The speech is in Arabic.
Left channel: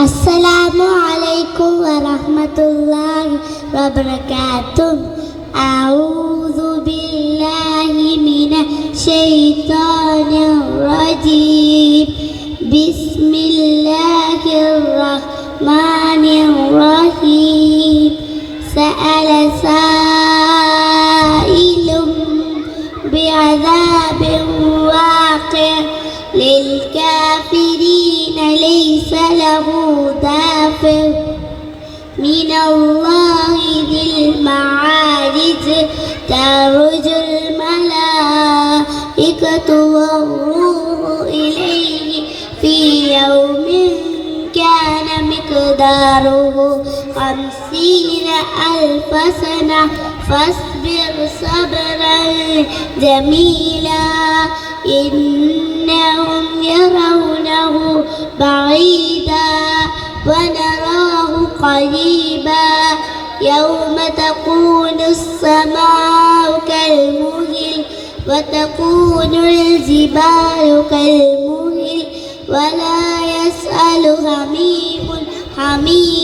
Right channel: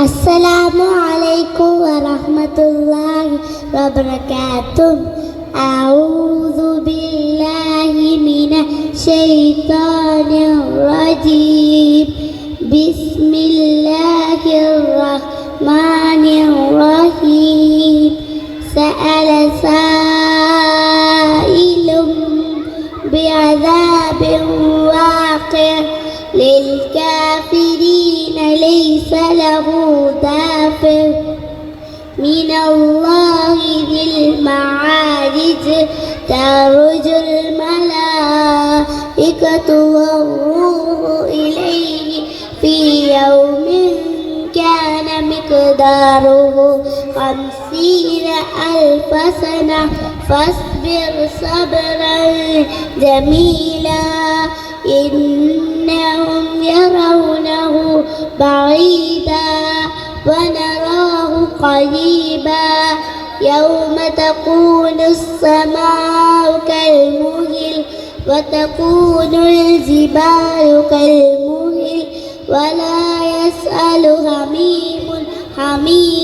السلام عليكم ورحمة الله وبركاته. أعوذ بالله من الشيطان الرجيم. بسم الله الرحمن الرحيم. سأل سائل بعذاب واقع للكافرين ليس له دافع من الله ذي المعارج. تعرج الملائكة والروح إليه في يوم كان مقداره 50,000 سنة فاصبر صبرا جميلا. إنهم يرونه بعيدا ونراه قريبا. يوم تكون السماء كالمهل وتكون الجبال كالمهل ولا يسأل حميم حميما.